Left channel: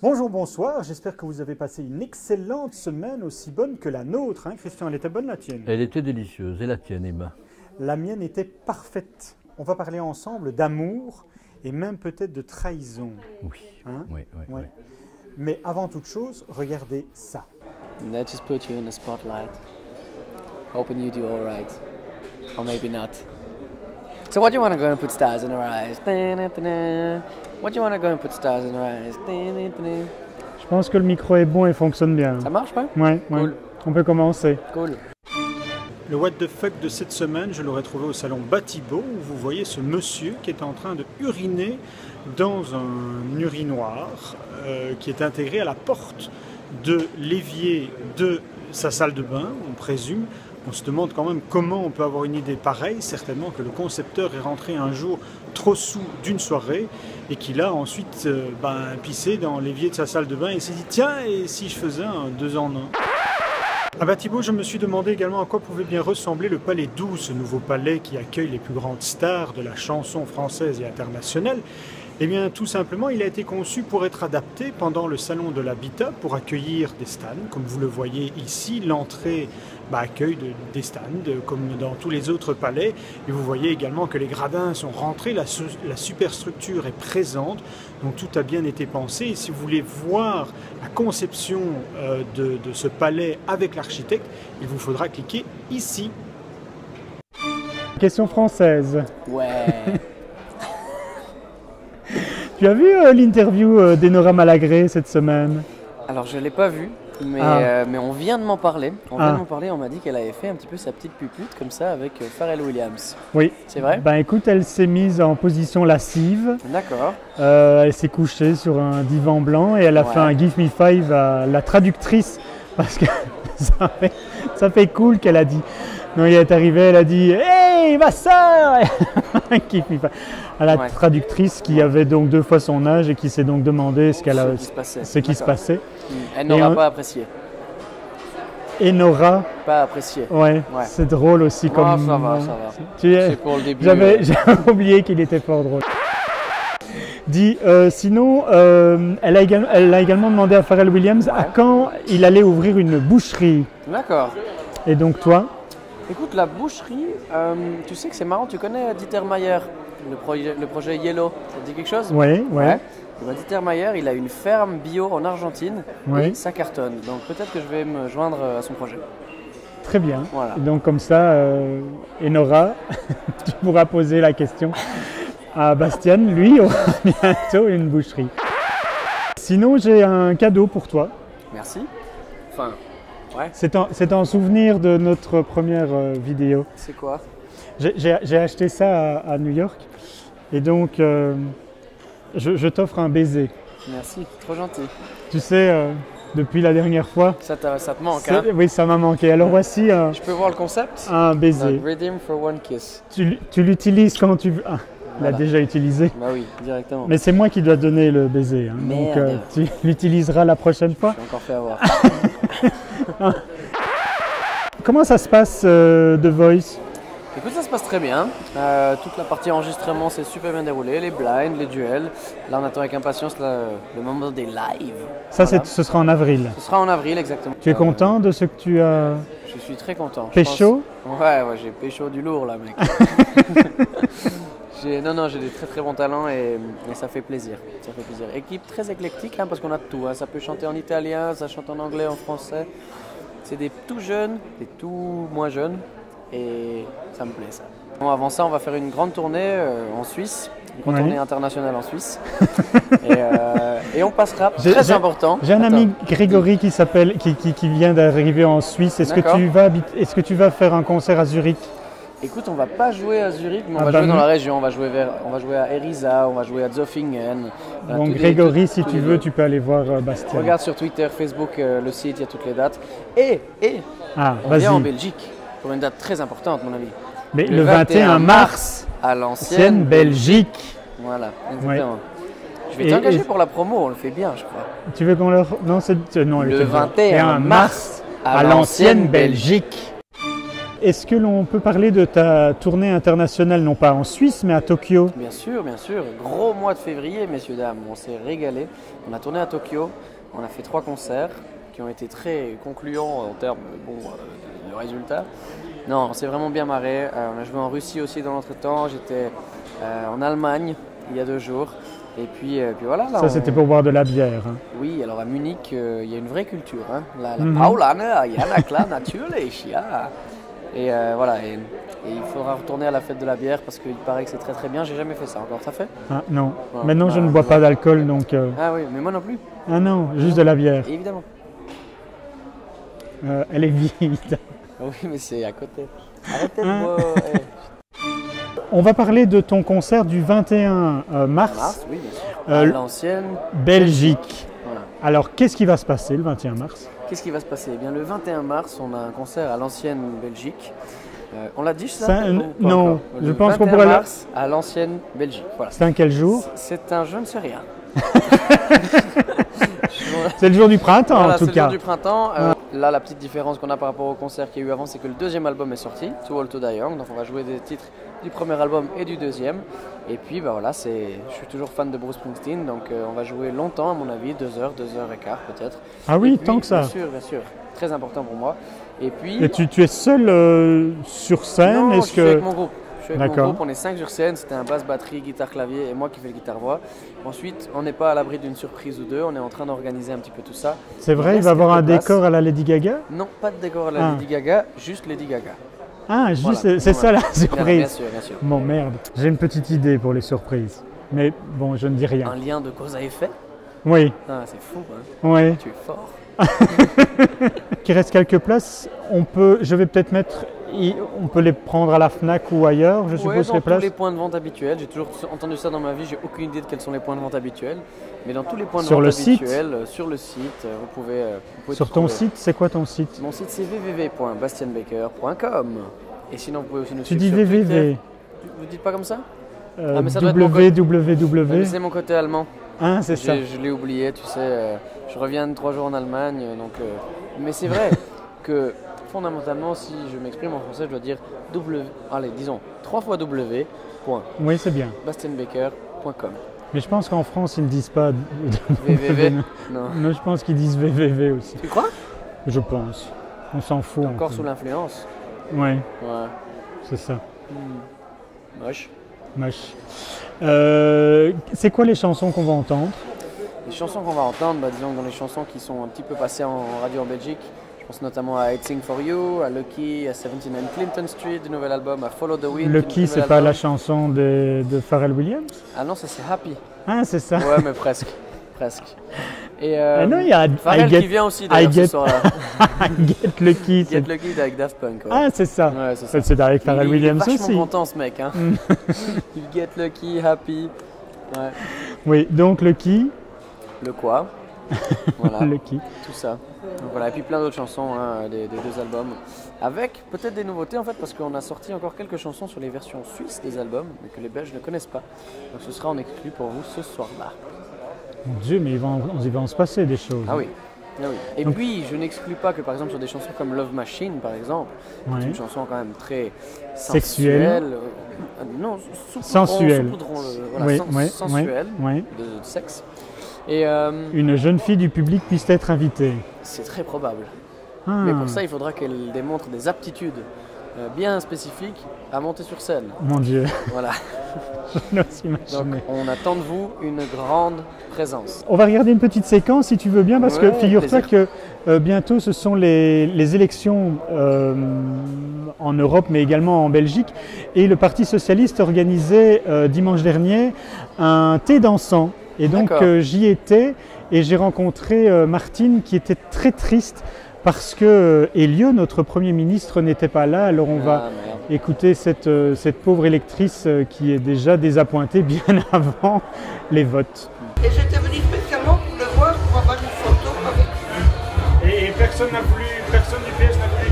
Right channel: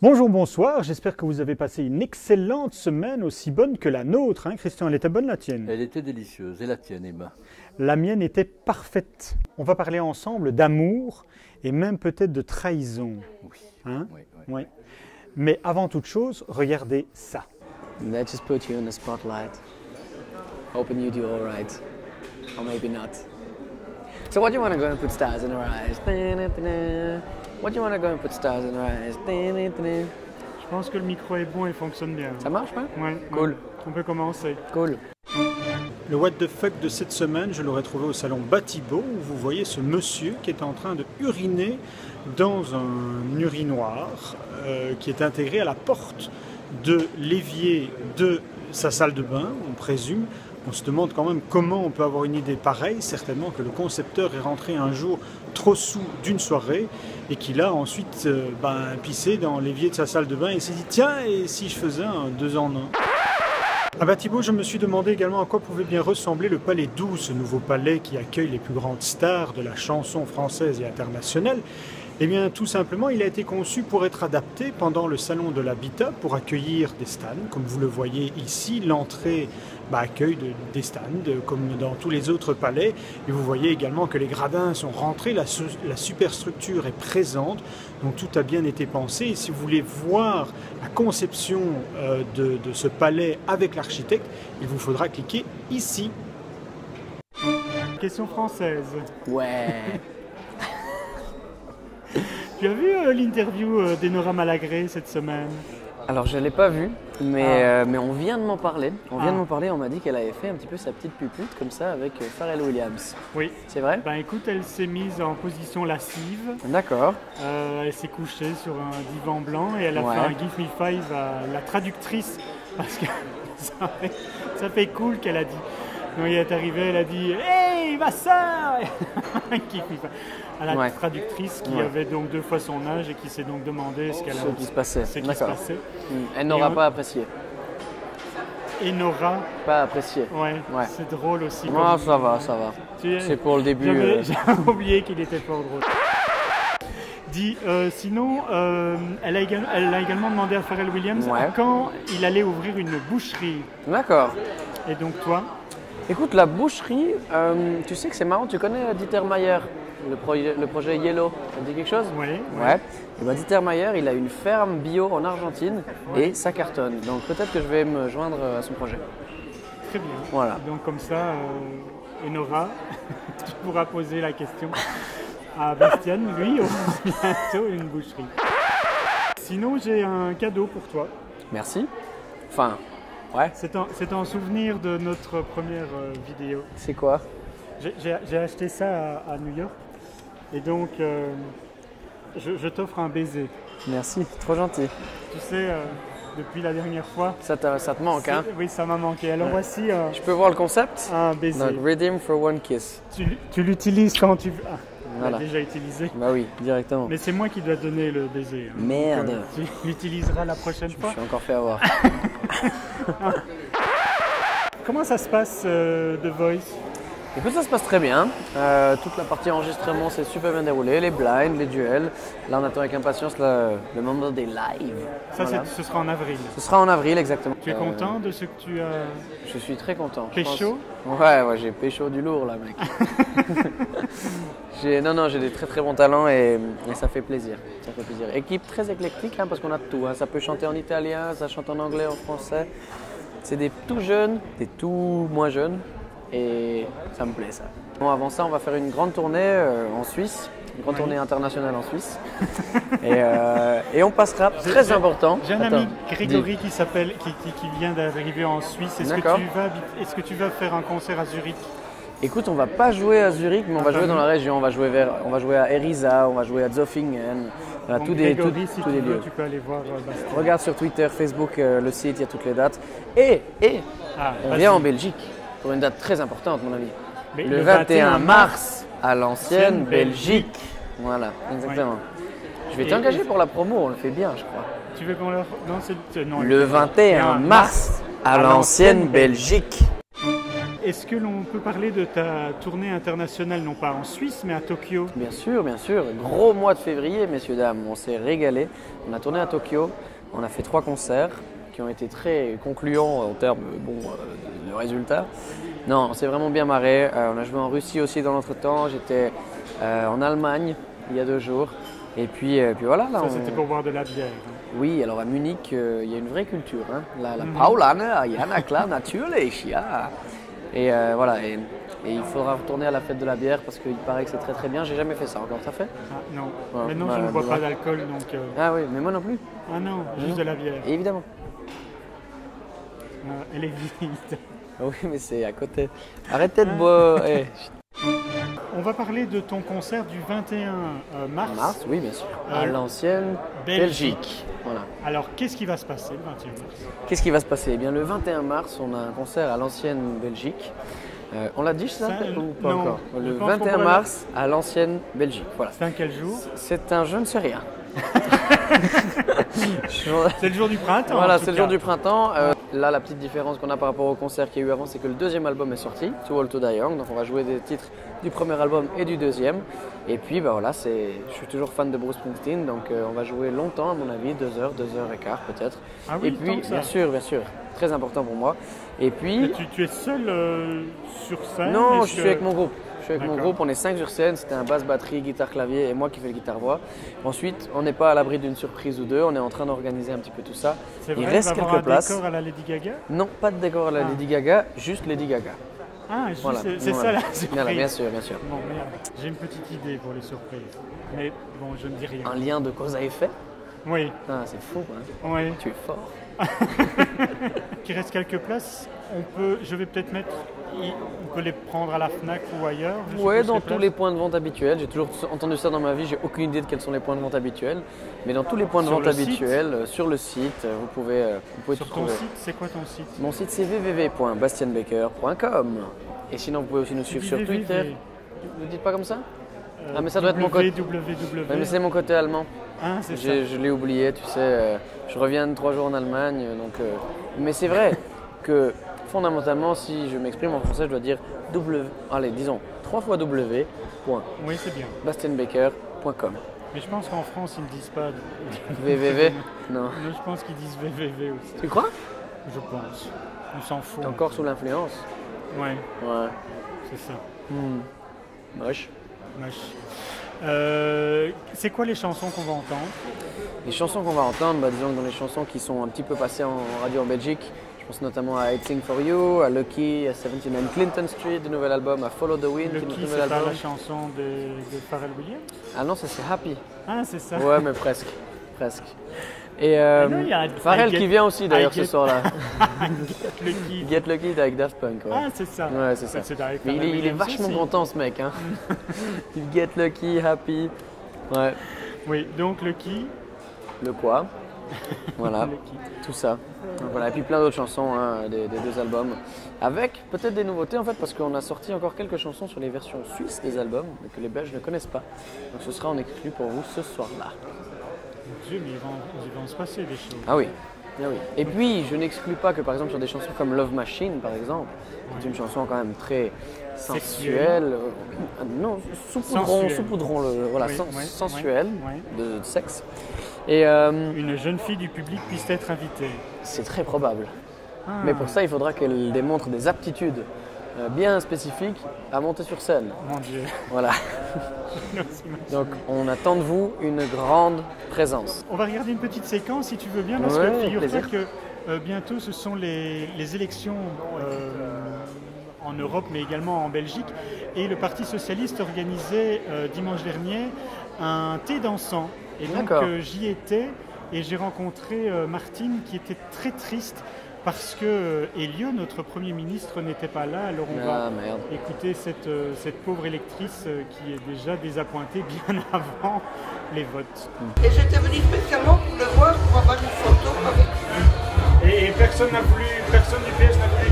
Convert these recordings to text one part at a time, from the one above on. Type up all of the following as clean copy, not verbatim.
Bonjour, bonsoir, j'espère que vous avez passé une excellente semaine, aussi bonne que la nôtre. Hein, Christian, elle était bonne la tienne? Elle était délicieuse. Et la tienne, Emma? La mienne était parfaite. On va parler ensemble d'amour et même peut-être de trahison. Oui. Hein? Oui. Oui. Mais avant toute chose, regardez ça. That just put you in the spotlight. Hoping you do all right. Or maybe not. So what do you want to go and put stars in her eyes? What do you want to go and put stars in her eyes? Je pense que le micro est bon et fonctionne bien. Ça marche, ouais? Ouais, Cool. ouais. On peut commencer. Cool. Le what the fuck de cette semaine, je l'aurais trouvé au salon Batibo, où vous voyez ce monsieur qui est en train de uriner dans un urinoir qui est intégré à la porte de l'évier de sa salle de bain, on présume. On se demande quand même comment on peut avoir une idée pareille. Certainement que le concepteur est rentré un jour trop sous d'une soirée et qu'il a ensuite pissé dans l'évier de sa salle de bain et s'est dit tiens, et si je faisais un 2 en 1. À Batibo, je me suis demandé également à quoi pouvait bien ressembler le Palais 12, ce nouveau palais qui accueille les plus grandes stars de la chanson française et internationale. Eh bien, tout simplement, il a été conçu pour être adapté pendant le salon de l'habitat, pour accueillir des stands. Comme vous le voyez ici, l'entrée accueille des stands, comme dans tous les autres palais. Et vous voyez également que les gradins sont rentrés, la superstructure est présente, donc tout a bien été pensé. Et si vous voulez voir la conception de ce palais avec l'architecte, il vous faudra cliquer ici. Question française. Ouais. Tu as vu l'interview d'Enora Malagré cette semaine? Alors je l'ai pas vu, mais on vient de m'en parler. On m'a dit qu'elle avait fait un petit peu sa petite pupute comme ça avec Pharrell Williams. Oui. C'est vrai? Ben écoute, elle s'est mise en position lascive. D'accord. Elle s'est couchée sur un divan blanc et elle a fait un Give Me Five à la traductrice parce que ça fait cool qu'elle a dit. Donc elle est arrivée, elle a dit hey ma soeur à la traductrice qui avait donc 2 fois son âge et qui s'est donc demandé ce qui se passait. Elle n'aura pas apprécié. Et Nora. Pas apprécié. Ouais. C'est drôle aussi. Ça va. C'est pour le début. J'avais oublié qu'il était fort drôle. Sinon, elle a également demandé à Pharrell Williams à quand il allait ouvrir une boucherie. D'accord. Et donc toi? Écoute, la boucherie, tu sais que c'est marrant, tu connais Dieter Mayer, le projet Yellow, ça te dit quelque chose? Oui. Et ben, Dieter Mayer, il a une ferme bio en Argentine et ça cartonne. Donc peut-être que je vais me joindre à son projet. Très bien. Voilà. Et donc comme ça, Enora, tu pourras poser la question à Bastien, lui, bientôt une boucherie. Sinon, j'ai un cadeau pour toi. Merci. Enfin... Ouais. C'est en souvenir de notre première vidéo. C'est quoi? J'ai acheté ça à New York et donc je t'offre un baiser. Merci, trop gentil. Tu sais, depuis la dernière fois... Ça te manque, hein? Oui, ça m'a manqué. Alors voici je peux voir le concept? Un baiser. Donc, redeem for one kiss. Tu l'utilises quand tu veux. On l'a déjà utilisé. Bah oui, directement. Mais c'est moi qui dois donner le baiser. Hein. Merde. Donc, tu l'utiliseras la prochaine fois. Je suis encore fait avoir. Comment ça se passe The Voice? Écoute, ça se passe très bien. Toute la partie enregistrement s'est super bien déroulée. Les blinds, les duels. Là, on attend avec impatience le moment des lives. Ça, ce sera en avril. Ce sera en avril, exactement. Tu es content de ce que tu as... Je suis très content. Pécho? Ouais, j'ai pécho du lourd là, mec. J'ai des très très bons talents et ça fait plaisir. Ça fait plaisir. Équipe très éclectique parce qu'on a de tout. Ça peut chanter en italien, ça chante en anglais, en français. C'est des tout jeunes, des tout moins jeunes et ça me plaît ça. Bon, avant ça, on va faire une grande tournée en Suisse, une grande tournée internationale en Suisse. et on passera, très important. J'ai un ami Grégory qui vient d'arriver en Suisse. Est-ce que tu vas faire un concert à Zurich? Écoute, on va pas jouer à Zurich, mais on va jouer dans la région. On va jouer à Eriza, on va jouer à Zofingen. Donc Grégory, si tu veux, tu peux aller voir Bastien. Regarde sur Twitter, Facebook, le site, il y a toutes les dates. Et on vient en Belgique pour une date très importante, mon ami. Mais le 21 mars, à l'ancienne Belgique. Voilà, exactement. Ouais. Je vais t'engager pour la promo, on le fait bien, je crois. Tu veux qu'on leur... Non, le 21 mars, à l'ancienne Belgique. est-ce que l'on peut parler de ta tournée internationale, non pas en Suisse, mais à Tokyo? Bien sûr, bien sûr. Gros mois de février, messieurs, dames. On s'est régalé. On a tourné à Tokyo. On a fait 3 concerts qui ont été très concluants en termes de résultats. Non, on s'est vraiment bien marré. On a joué en Russie aussi dans l'entretemps. J'étais en Allemagne il y a 2 jours. Et puis voilà. Là, Ça, c'était pour boire de la bière. Hein. Oui, alors à Munich, il y a une vraie culture. Hein. La Paulaner, ja, klar, natürlich, ja. Et voilà. Et il faudra retourner à la fête de la bière parce qu'il paraît que c'est très très bien. J'ai jamais fait ça encore. Ça fait? Ah, non. Voilà. Maintenant, je ne bois pas d'alcool, donc... Ah oui, mais moi non plus. Ah non, juste de la bière. Évidemment. Elle est vide. Oui, mais c'est à côté. Arrêtez de boire. On va parler de ton concert du 21 mars. Oui, bien sûr. À l'ancienne Belgique. Voilà. Alors, qu'est-ce qui va se passer le 21 mars? Qu'est-ce qui va se passer? Eh bien, le 21 mars, on a un concert à l'ancienne Belgique. On l'a dit ça? Non, je pense qu'on pourrait. Le 21 mars à l'ancienne Belgique. Voilà. C'est un quel jour? C'est un je ne sais rien. C'est le jour du printemps, voilà, en tout cas. C'est le jour du printemps. Là, la petite différence qu'on a par rapport au concert qu'il y a eu avant, c'est que le 2e album est sorti, Too Old to Die Young. Donc, on va jouer des titres du premier album et du 2e. Et puis, voilà, je suis toujours fan de Bruce Springsteen, donc on va jouer longtemps, à mon avis, 2 heures, 2 heures et quart peut-être. Ah oui, et puis, tant que ça. Bien sûr. Très important pour moi. Et puis... Mais tu es seul sur scène? Non, je suis avec mon groupe. On est 5 sur scène, c'était un basse, batterie, guitare, clavier et moi qui fais le guitare-voix. Ensuite, on n'est pas à l'abri d'une surprise ou deux, on est en train d'organiser un petit peu tout ça. C'est vrai, il va y avoir un décor à la Lady Gaga? Non, pas de décor à la Lady Gaga, juste Lady Gaga. Ah, juste, voilà. C'est ça la surprise? Non, bien sûr, bien sûr. Bon, merde, j'ai une petite idée pour les surprises. Mais bon, je ne dis rien. Un lien de cause à effet? Oui. Ah, c'est fou, hein? Oui. Tu es fort. Il reste quelques places. Je vais peut-être on peut les prendre à la Fnac ou ailleurs, je suppose, dans les places. Tous les points de vente habituels. J'ai toujours entendu ça dans ma vie. J'ai aucune idée de quels sont les points de vente habituels. Mais dans tous les points de vente habituels, sur le site, vous pouvez sur ton site, c'est quoi ton site? Mon site, c'est www.bastianbaker.com. Et sinon, vous pouvez aussi nous suivre sur Twitter. Vous dites pas comme ça? Mais ça doit être mon côté. Mais c'est mon côté allemand. Ah, c'est ça. Je l'ai oublié, tu sais. Je reviens de 3 jours en Allemagne. Mais c'est vrai que fondamentalement, si je m'exprime en français, je dois dire disons 3 fois W. Oui, c'est bien. bastianbaker.com. Mais je pense qu'en France, ils ne disent pas www. Non. Non, je pense qu'ils disent www aussi. Tu crois? Je pense. On s'en fout. Encore sous l'influence. Oui. Ouais. C'est ça. Moche. C'est quoi les chansons qu'on va entendre? Les chansons qu'on va entendre, disons que dans les chansons qui sont un petit peu passées en radio en Belgique, je pense notamment à I'd Sing For You, à Lucky, à 79 Clinton Street, du nouvel album, à Follow the Wind. Lucky, c'est pas la chanson de Pharrell Williams? Ah non, c'est Happy. Ah, c'est ça. Ouais, mais presque. Et non, il y a Pharrell qui vient aussi d'ailleurs ce soir-là. Get Lucky. Get Lucky avec Daft Punk. Ouais. Ah, c'est ça. Ouais, c'est ça. C'est avec Pharrell Williams aussi. Il est vachement content ce mec. Hein. Il Get Lucky, Happy. Ouais. Oui, donc Lucky. Le quoi? Voilà. Lucky. Tout ça. Donc voilà. Et puis plein d'autres chansons des 2 albums. Avec peut-être des nouveautés en fait, parce qu'on a sorti encore quelques chansons sur les versions suisses des albums, mais que les Belges ne connaissent pas. Donc ce sera en exclu pour vous ce soir-là. Mon Dieu, mais il va en se passer des choses. Ah oui. Et puis, je n'exclus pas que par exemple sur des chansons comme Love Machine, par exemple, c'est une chanson quand même très sexuelle. Non, sensuelle. sensuelle, de sexe. Et une jeune fille du public puisse être invitée. C'est très probable. Mais pour ça, il faudra qu'elle démontre des aptitudes bien spécifiques à monter sur scène. Mon Dieu. Voilà. Donc, on attend de vous une grande présence. On va regarder une petite séquence si tu veux bien, parce que figure-toi que bientôt ce sont les élections en Europe, mais également en Belgique. Et le Parti Socialiste organisait dimanche dernier un thé dansant. Et donc j'y étais et j'ai rencontré Martine qui était très triste parce que Elio, notre Premier ministre, n'était pas là. Alors on va écouter cette pauvre électrice qui est déjà désappointée bien avant les votes. Et j'étais venue spécialement pour le voir, pour avoir une photo avec lui. Et personne du PS n'a voulu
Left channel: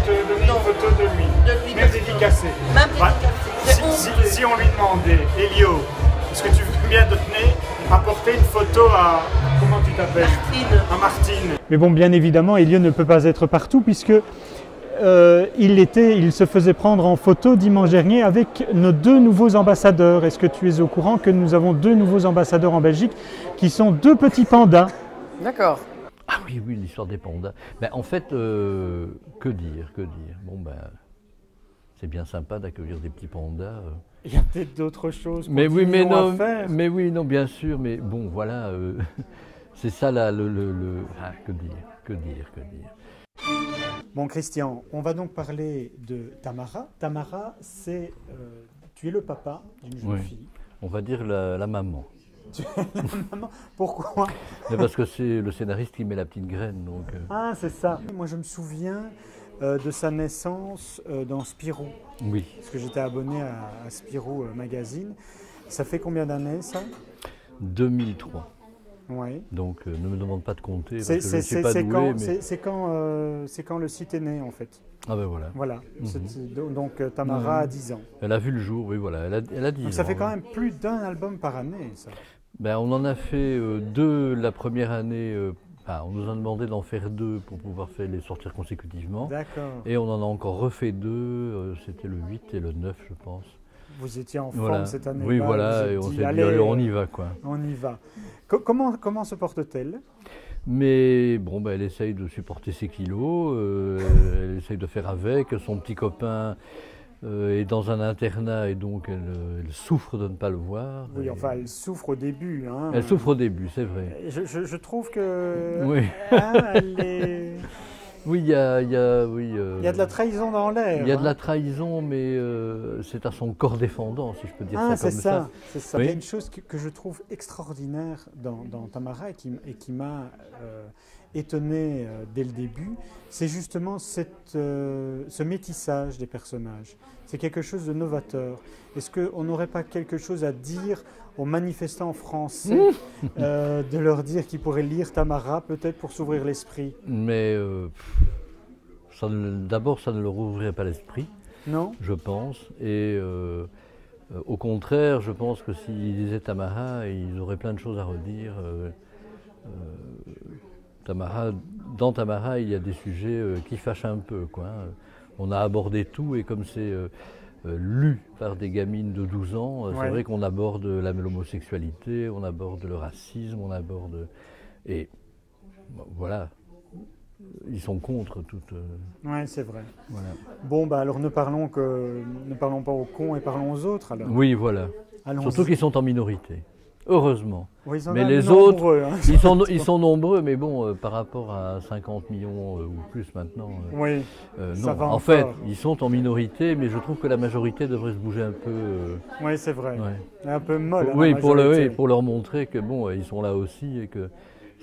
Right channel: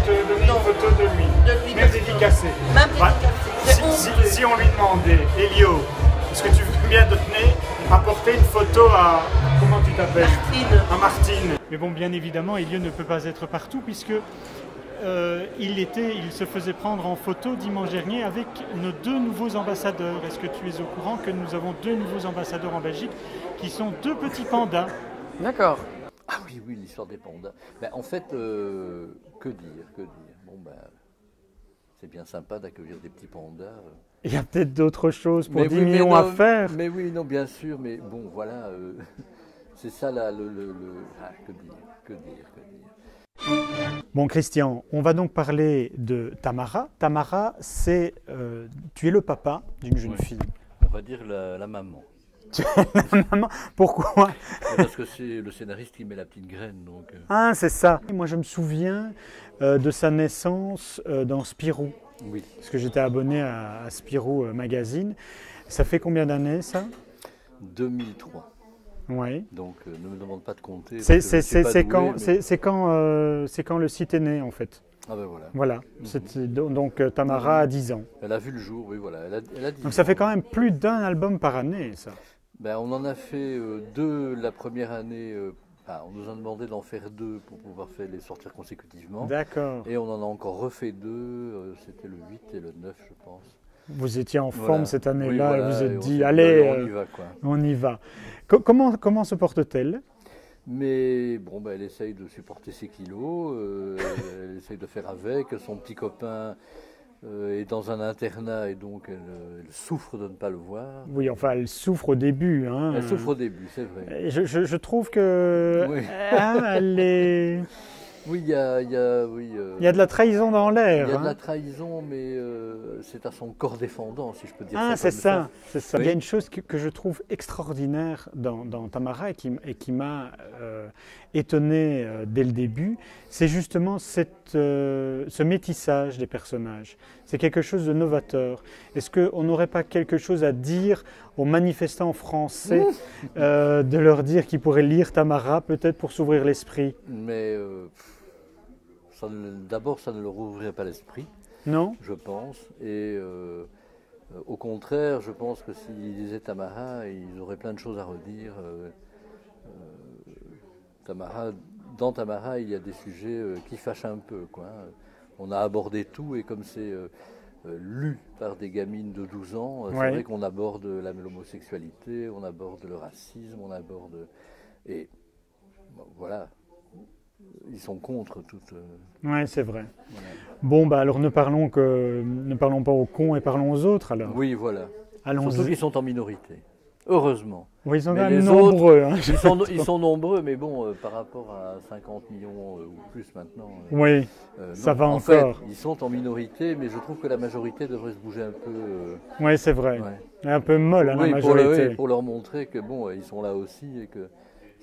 te donner une photo de lui, même dédicacée. Si on lui demandait, Elio, est-ce que tu veux bien donner, apporter une photo à, comment tu t'appelles? Martine. À Martine. Mais bon, bien évidemment, Elio ne peut pas être partout puisque il se faisait prendre en photo dimanche dernier avec nos 2 nouveaux ambassadeurs. Est-ce que tu es au courant que nous avons 2 nouveaux ambassadeurs en Belgique qui sont 2 petits pandas? D'accord. Ah oui, oui, l'histoire des pandas. Ben, en fait, que dire, que dire. Bon, ben, c'est bien sympa d'accueillir des petits pandas. Il y a peut-être d'autres choses pour Mais 10 oui, mais millions non, à faire. mais oui, non, bien sûr, mais bon, voilà, c'est ça là, ah, que dire, que dire, que dire. Bon, Christian, on va donc parler de Tamara. Tamara, tu es le papa d'une jeune Oui. fille. On va dire la maman. Maman, pourquoi? Mais parce que c'est le scénariste qui met la petite graine, donc. Ah, c'est ça. Moi, je me souviens de sa naissance dans Spirou, Oui. parce que j'étais abonné à Spirou Magazine. Ça fait combien d'années, ça? 2003. Oui. Donc ne me demande pas de compter. C'est parce que je suis pas doué, quand, mais- c'est quand le site est né, en fait. Ah ben voilà. Voilà. Donc Tamara a 10 ans. Elle a vu le jour, oui, voilà. Elle a 10 Donc ça ans, fait quand oui. même plus d'un album par année, ça. Ben, on en a fait 2 la première année. On nous a demandé d'en faire 2 pour pouvoir les sortir consécutivement. D'accord. Et on en a encore refait 2. C'était le 8 et le 9, je pense. Vous étiez en forme Voilà. cette année-là, Oui, voilà, vous et êtes on dit, s'est allez, on y va, quoi. on y va. Comment se porte-t-elle? Mais bon, ben, elle essaye de supporter ses kilos, elle essaye de faire avec. Son petit copain est dans un internat et donc elle souffre de ne pas le voir. Oui, Et enfin, elle souffre au début. Hein. elle souffre au début, c'est vrai. Et je trouve que Oui. elle est... Oui, il y a de la trahison dans l'air. il y a de la hein. trahison, mais c'est à son corps défendant, si je peux dire Ah, ça c'est comme ça, c'est ça. Oui. Il y a une chose que je trouve extraordinaire dans Tamara et qui m'a étonné dès le début, c'est justement ce métissage des personnages. C'est quelque chose de novateur. Est-ce qu'on n'aurait pas quelque chose à dire aux manifestants français, de leur dire qu'ils pourraient lire Tamara, peut-être pour s'ouvrir l'esprit? Mais d'abord, ça ne leur ouvrirait pas l'esprit, Non? je pense. Et au contraire, je pense que s'ils lisaient Tamara, ils auraient plein de choses à redire. Dans Tamara, il y a des sujets qui fâchent un peu, quoi. On a abordé tout, et comme c'est lu par des gamines de 12 ans, c'est Ouais. vrai qu'on aborde l'homosexualité, on aborde le racisme, on aborde... Et voilà, ils sont contre toute... Oui, c'est vrai. voilà. Bon, bah alors ne parlons pas aux cons et parlons aux autres alors. Oui, voilà. Allons-y. Surtout qu'ils sont en minorité. Heureusement. Oui, ils sont Mais quand même les autres, nombreux, hein. ils sont nombreux, mais bon, par rapport à 50 millions ou plus maintenant, Oui, non. ça va En encore. fait, ils sont en minorité, mais je trouve que la majorité devrait se bouger un peu. Oui, c'est vrai. Ouais. Elle est un peu molle, hein, Oui, la pour majorité. pour leur montrer que bon, ils sont là aussi et que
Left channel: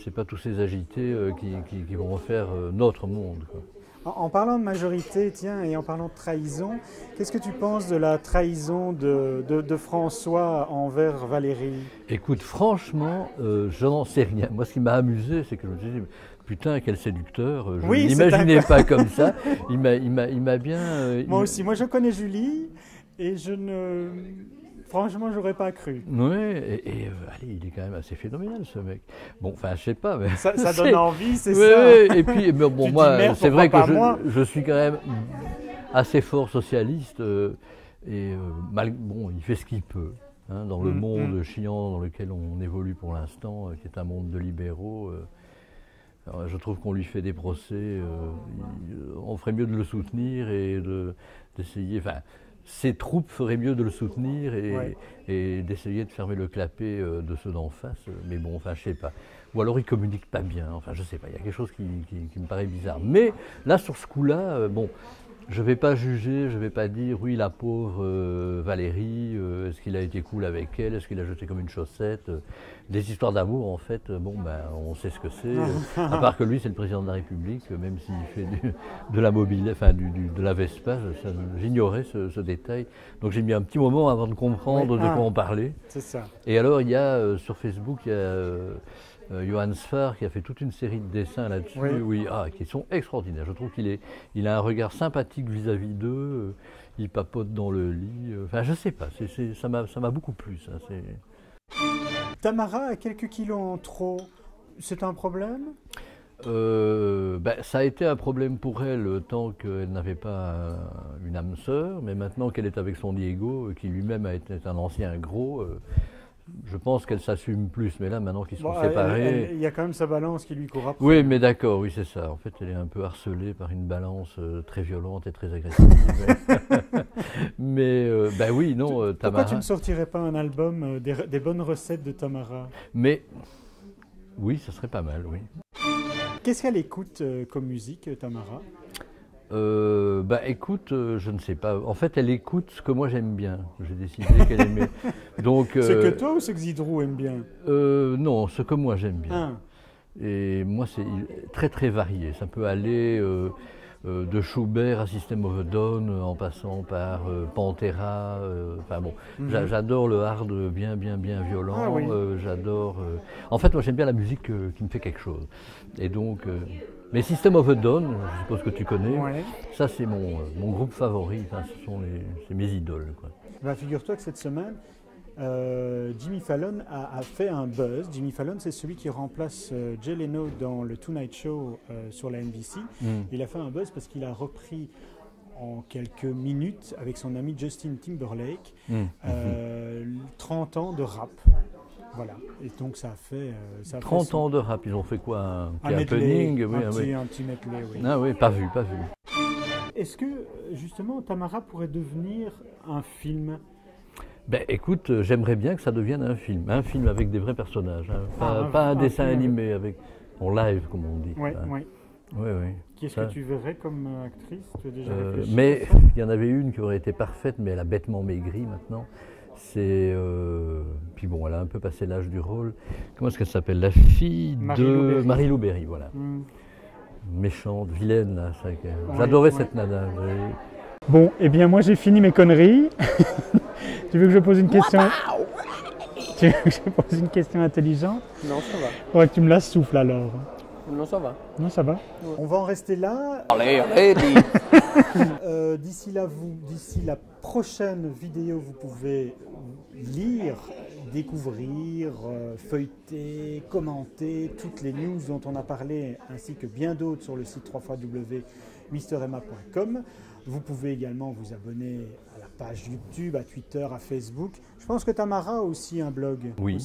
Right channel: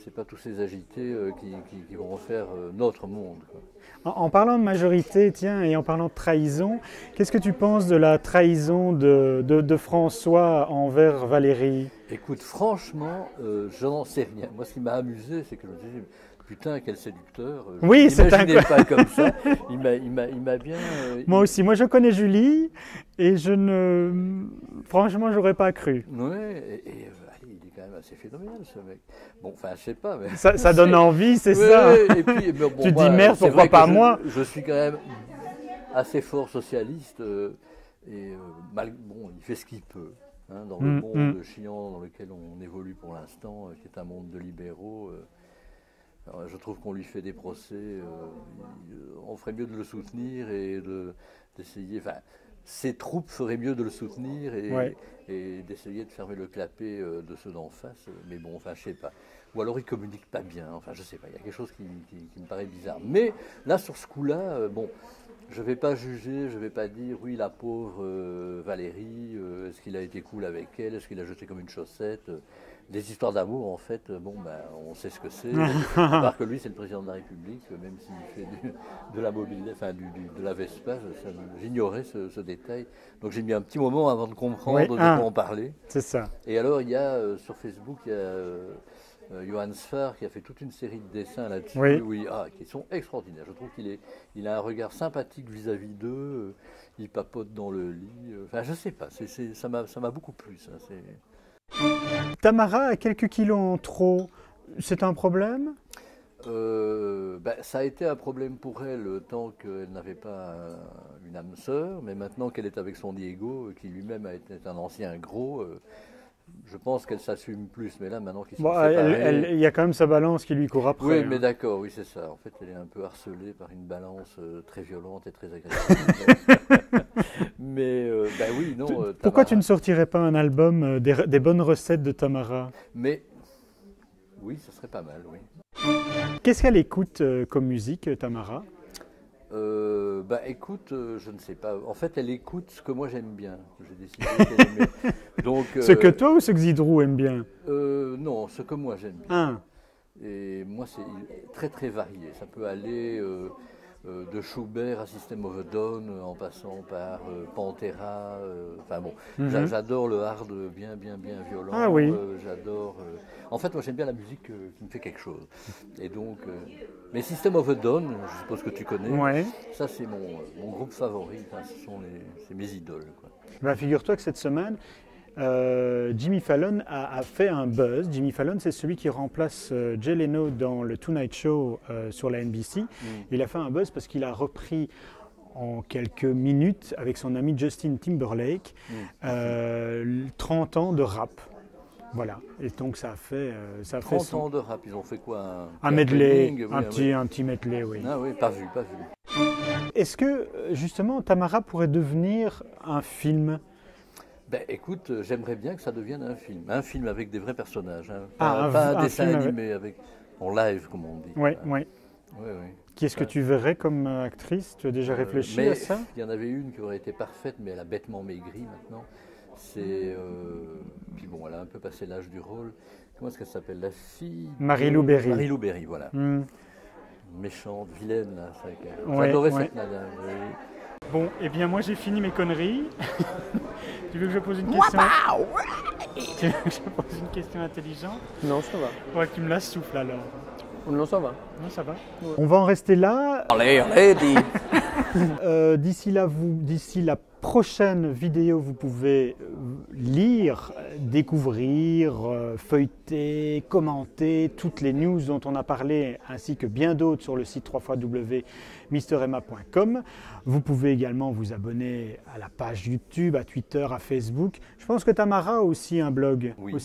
c'est pas tous ces agités qui vont refaire notre monde, quoi. En parlant de majorité, tiens, et en parlant de trahison, qu'est-ce que tu penses de la trahison de François envers Valérie? Écoute, franchement, je n'en sais rien. Moi, ce qui m'a amusé, c'est que je me suis dit, putain, quel séducteur. Je Oui, ne c'est m'imaginais un- pas comme ça. Il m'a bien. Moi aussi, moi je connais Julie et franchement, j'aurais pas cru. Oui, allez, il est quand même assez phénoménal, ce mec. Bon, enfin, je sais pas. Mais... Ça donne envie, c'est Ouais, ça. et puis, mais bon, Tu moi, dis merde, c'est pourquoi vrai pas que moi? je suis quand même assez fort socialiste bon, il fait ce qu'il peut. Hein, dans le monde chiant dans lequel on évolue pour l'instant, qui est un monde de libéraux, alors, je trouve qu'on lui fait des procès. On ferait mieux de le soutenir et d'essayer. Enfin, ses troupes feraient mieux de le soutenir et d'essayer de fermer le clapet de ceux d'en face. Mais bon, enfin, je sais pas. Ou alors il communique pas bien. Enfin, je sais pas. Il y a quelque chose qui me paraît bizarre. Mais là, sur ce coup-là, bon. Je ne vais pas juger, je ne vais pas dire oui la pauvre Valérie, est-ce qu'il a été cool avec elle, est-ce qu'il a jeté comme une chaussette. Des histoires d'amour en fait, bon ben on sait ce que c'est. À part que lui c'est le président de la République, même s'il fait de la mobilité, enfin de la Vespa, j'ignorais ce détail. Donc j'ai mis un petit moment avant de comprendre de quoi on parlait. C'est ça. Et alors il y a sur Facebook, il y a Johan Sfar qui a fait toute une série de dessins là-dessus, qui sont extraordinaires. Je trouve qu'il a un regard sympathique vis-à-vis d'eux, il papote dans le lit, enfin je sais pas, ça m'a beaucoup plu ça. Tamara a quelques kilos en trop, c'est un problème? Ça a été un problème pour elle tant qu'elle n'avait pas une âme sœur, mais maintenant qu'elle est avec son Diego, qui lui-même a été un ancien gros, je pense qu'elle s'assume plus. Mais là, maintenant qu'ils sont séparés... Il y a quand même sa balance qui lui court après. Oui, mais d'accord, oui, c'est ça. En fait, elle est un peu harcelée par une balance très violente et très agressive. Mais, oui, non, Tamara... Pourquoi tu ne sortirais pas un album des bonnes recettes de Tamara? Mais, oui, ce serait pas mal, oui. Qu'est-ce qu'elle écoute comme musique, Tamara? Écoute, je ne sais pas. En fait, elle écoute ce que moi j'aime bien. J'ai décidé qu'elle aimait. Donc, ce que toi ou ce que Zidrou aime bien? Non, ce que moi j'aime bien. Et moi, c'est très très varié. Ça peut aller de Schubert à System of a Down, en passant par Pantera. J'adore le hard bien violent. Ah oui. J'adore. En fait, moi j'aime bien la musique qui me fait quelque chose. Et donc, les System of a Down, je suppose que tu connais. Ouais. Ça, c'est mon groupe favori. Enfin, c'est mes idoles, quoi. Figure-toi que cette semaine, Jimmy Fallon a fait un buzz. Jimmy Fallon, c'est celui qui remplace Jay Leno dans le Tonight Show sur la NBC. Il a fait un buzz parce qu'il a repris en quelques minutes avec son ami Justin Timberlake 30 ans de rap. Voilà, et donc ça a fait... 30 ans de rap, ils ont fait quoi? Un medley, un petit medley, oui. Ah oui, pas vu. Est-ce que, justement, Tamara pourrait devenir un film? Écoute, j'aimerais bien que ça devienne un film avec des vrais personnages, hein. Pas un dessin animé en live, comme on dit. Oui. Qui est-ce que tu verrais comme actrice? Tu as déjà réfléchi à ça? Il y en avait une qui aurait été parfaite, mais elle a bêtement maigri maintenant. Puis bon, elle a un peu passé l'âge du rôle. Comment est-ce qu'elle s'appelle? La fille de Marie-Lou Berry. Marie-Lou Berry, voilà. Méchante, vilaine, là. J'adorais cette nana. Bon, eh bien, moi, j'ai fini mes conneries. Tu veux que je pose une question? Tu veux que je pose une question intelligente? Non, ça va. Ouais, tu me la souffles alors. Non, ça va. Non, ça va. Ouais. On va en rester là. Allez, D'ici la prochaine vidéo, vous pouvez lire, découvrir, feuilleter, commenter toutes les news dont on a parlé, ainsi que bien d'autres sur le site www.mremma.com. Vous pouvez également vous abonner à la page YouTube, à Twitter, à Facebook. Je pense que Tamara a aussi un blog. Oui.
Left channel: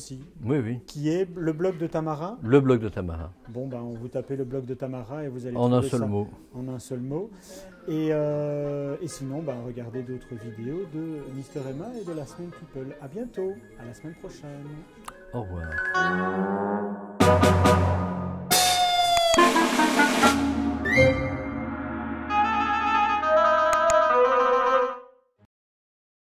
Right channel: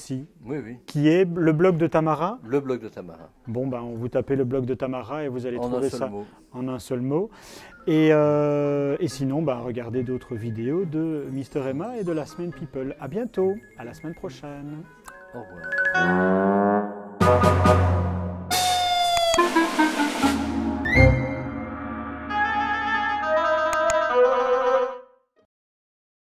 Oui. Qui est le blog de Tamara? Le blog de Tamara. Bon, vous tapez le blog de Tamara et vous allez trouver ça en un seul mot. Et sinon, regardez d'autres vidéos de Mr. Emma et de la Semaine People. À bientôt, à la semaine prochaine. Au revoir.